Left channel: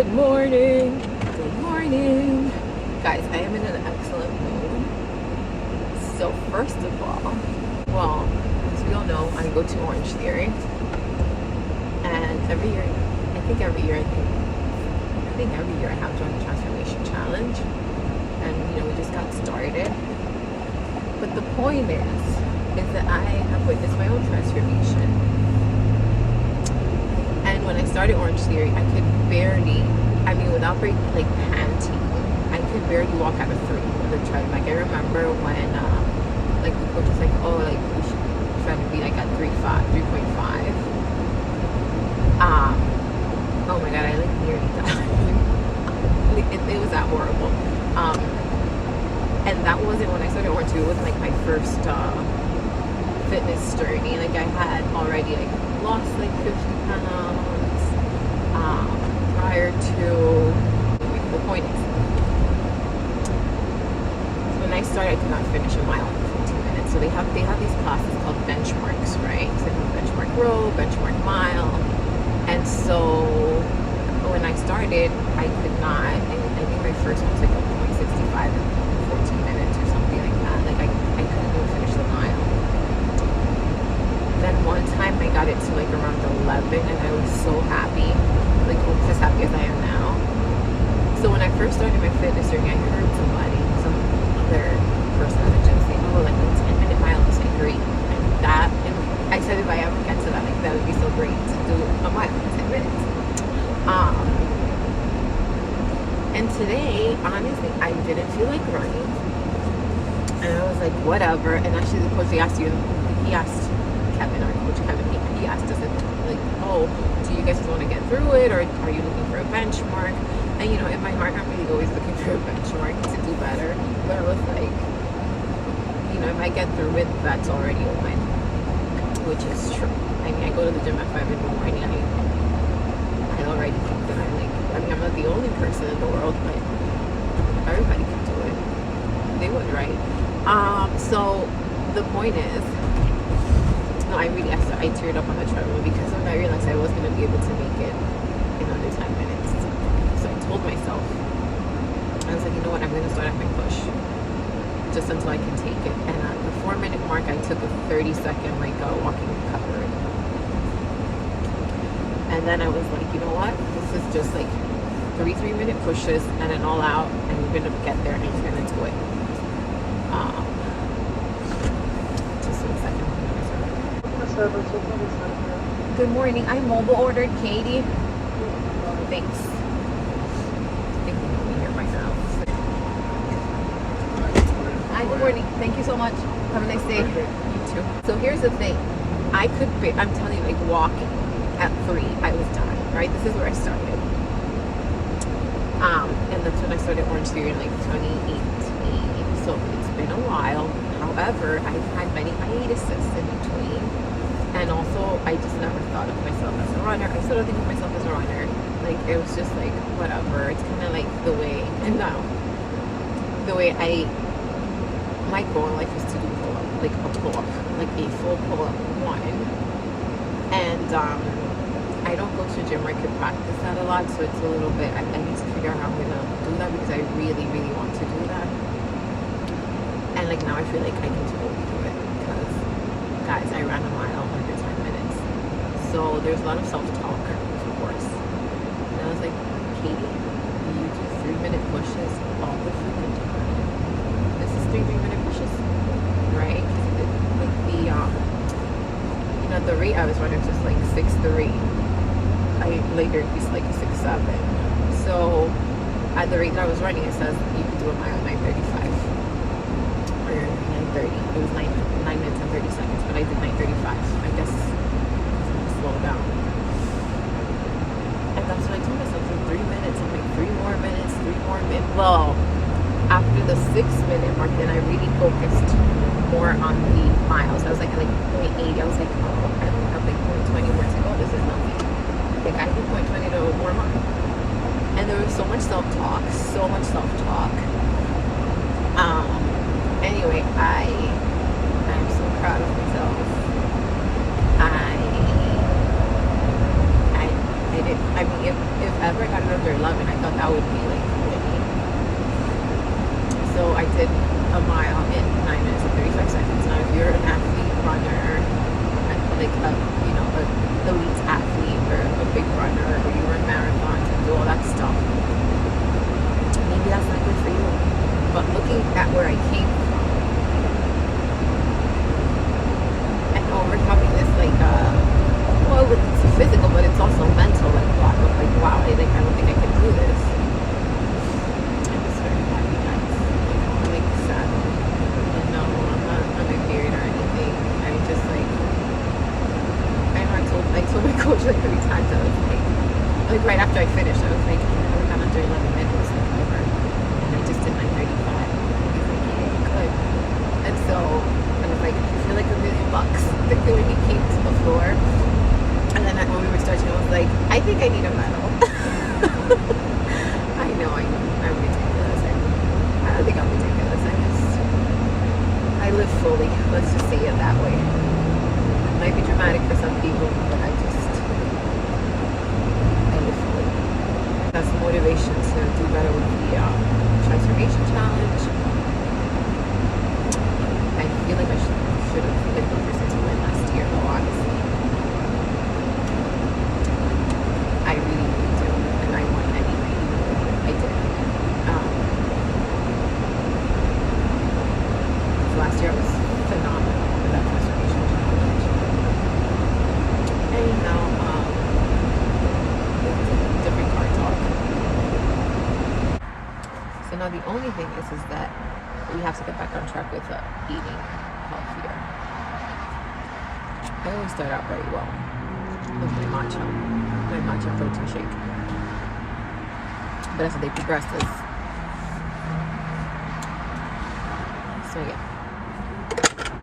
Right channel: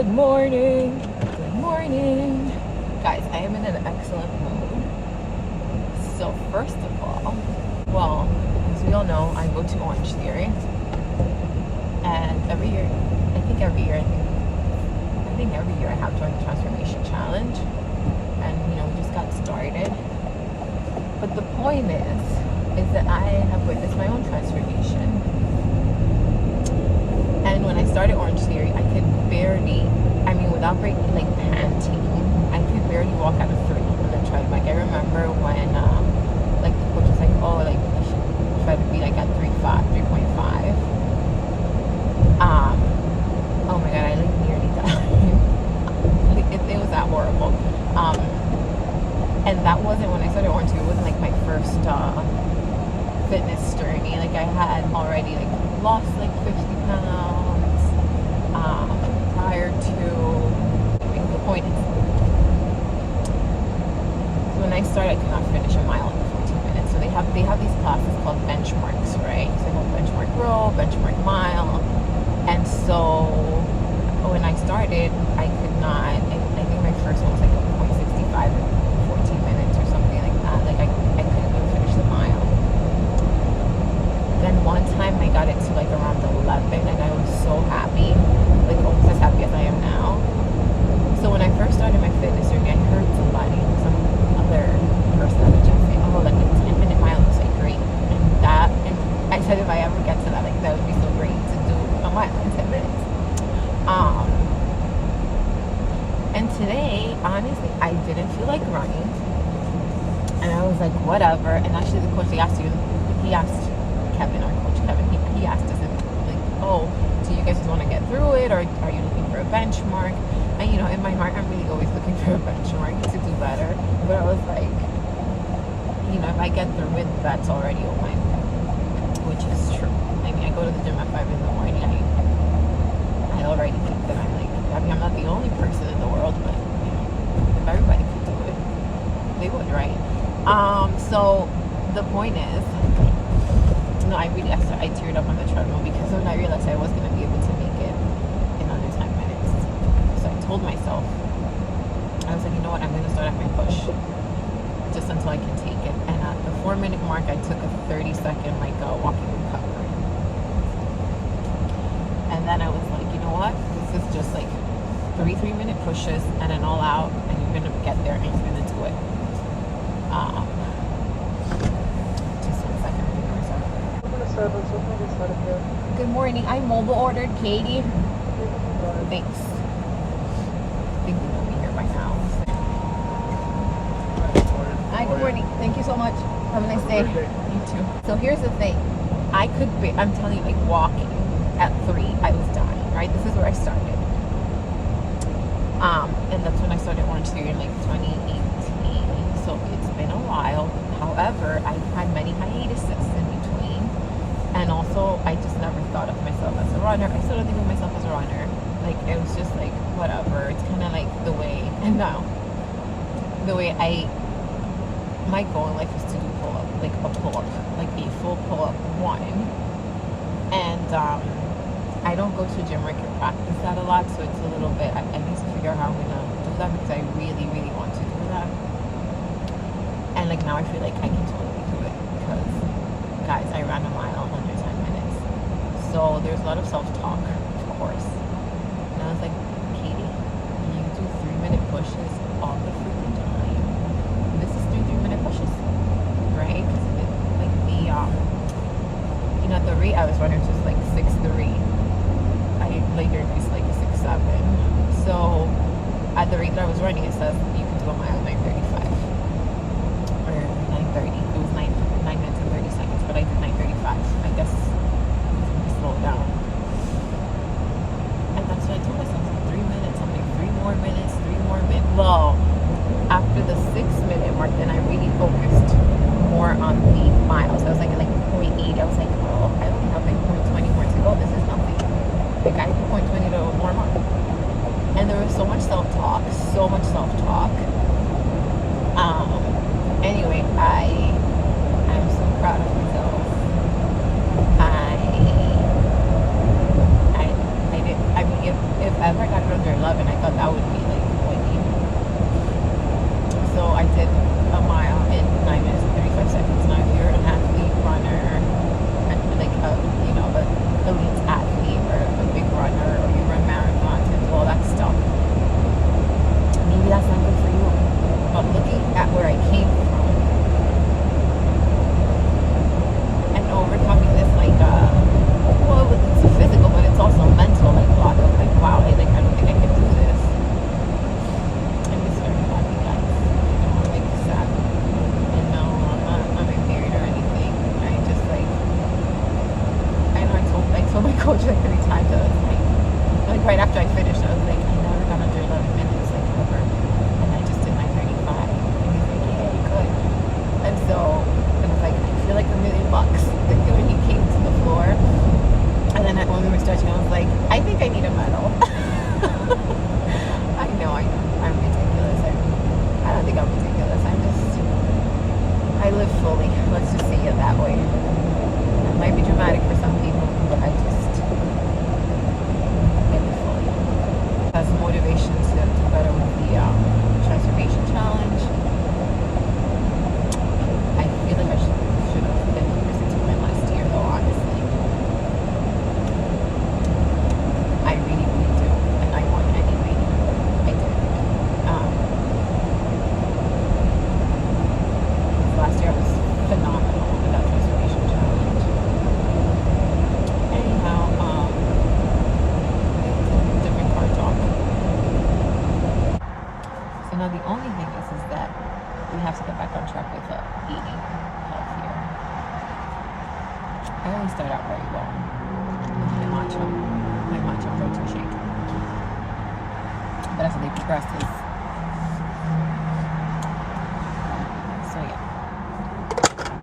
Good morning. Good morning. Guys, I am in an excellent mood. So first of all, well, as we all know, I go to Orangetheory. And every year I have joined the Transformation Challenge. And we just got started. But the point is that I have witnessed my own transformation. And when I started Orangetheory, I could barely, without panting, I could barely walk out of 3 on the treadmill. I remember when, the coach was like, oh, you should try to be at 3.5. Oh my God, I nearly died. It was that horrible. And that wasn't when I started Orangetheory. It wasn't my first fitness journey. I had already lost 50 pounds prior to. The point is, when I started, I could not finish a mile in 14 minutes. So they have these classes called benchmarks, right? So they have benchmark row, benchmark mile, and so when I started, I could not. I think my first one was a 0.65 in 14 minutes or something like that. I couldn't even finish the mile. Then one time I got it to around 11, and I was so happy, almost as happy as I am now. So when I first started my fitness journey, I heard some other person at the gym saying, oh, a 10-minute mile is great. And I said if I ever get to that, that would be so great to do a mile in 10 minutes. And today, honestly, I didn't feel like running. And I was like, whatever. And actually the coach, he asked Kevin, our coach Kevin, he asked us if oh, do you guys just want to get through it, or are you looking for a benchmark? And in my heart, I'm really always looking for a benchmark to do better. But I was like, if I get through it, that's already a win, which is true. I go to the gym at 5 in the morning. I already think that I'm not the only person in the world, but if everybody could do it, they would, right? So the point is, no, I teared up on the treadmill because when I realized I was going to be able to make it in under 10 minutes. So I told myself, I was like, you know what, I'm going to start at my push just until I can take it. And at the 4-minute mark, I took a 30-second walking recovery. And then I was like, you know what, this is just 3 3-minute pushes and an all out, and you're going to get there and you're going to do it. Just 1 second. Good morning. I mobile ordered Katie. Thanks. I think you know me here by now. Hi, good morning. Thank you so much. Have a nice day. You too. So here's the thing. I'm telling you, walking at 3, I was dying, right? This is where I started. And that's when I started Orangetheory in 2018. So it's been a while. However, I've had many hiatuses in between. And also, I just never thought of myself as a runner. I still don't think of myself as a runner. It was just whatever. It's kind of the way, and now, the way my goal in life is to do pull-up, a pull-up, a full pull-up one. And I don't go to a gym where I could practice that a lot, so it's a little bit, I need to figure out how I'm going to do that because I really, really want to do that. And now I feel I can totally do it because, guys, I ran a mile under 10 minutes. So there's a lot of self-talk, of course. And I was like, Katie, you do 3-minute pushes all the freaking time. This is 3-minute pushes, right? The rate I was running was just 6:3. I later used a 6:7. So at the rate that I was running, it says you could do a mile 9:35 or 9:30. It was 9 minutes and 30 seconds, but I did 9:35. I guess I'm gonna slow down. And that's what I told myself. 3 minutes. I'm 3 more minutes, 3 more minutes. Well, after the 6-minute mark, then I really focused more on the miles. I was maybe 80. I was oh, I only have 0.20 more to go. This is nothing. I do 0.20 to warm up. And there was so much self-talk. Anyway, I'm so proud of myself. I did. If if ever I got it under 11, I thought that would be like winning. So I did a mile in 9 minutes and 35 seconds. Now, if you're an athlete, runner, like a, you know, a elite athlete or a big runner, or you run marathons and do all that stuff, maybe that's not good for you. But looking at where I came from and overcoming this, like, well, it's physical, but it's also mental, like, block of, like, wow, I don't think I can do this. I'm just very happy, guys. You know, I'm, like, sad. And no, I'm not unprepared or anything. I just, like, I know I told my coach, like, 3 times. I was like right after I finished, I was like, I never got under 11 minutes, like, ever. And I just did my 35. And he's like, yeah, you could. And so I was like, I feel like $1 million. And when he came to the floor, and then when we were stretching, I was like, I think I need a medal. I know, I'm ridiculous. I don't think I'm ridiculous. I live fully. Let's just say it that way. It might be dramatic for some people, but I live fully. That's motivation to do better with the transformation challenge. I feel like I should have been the person to win last year, though, honestly. I really, really do. And I won anyway. I did. So last year I was phenomenal in that transformation challenge. Anyhow, it's a different card talk. So now the only thing is that we have to get back on track with eating healthier. I always start out very well with my matcha protein shake. But as the day progresses, so yeah.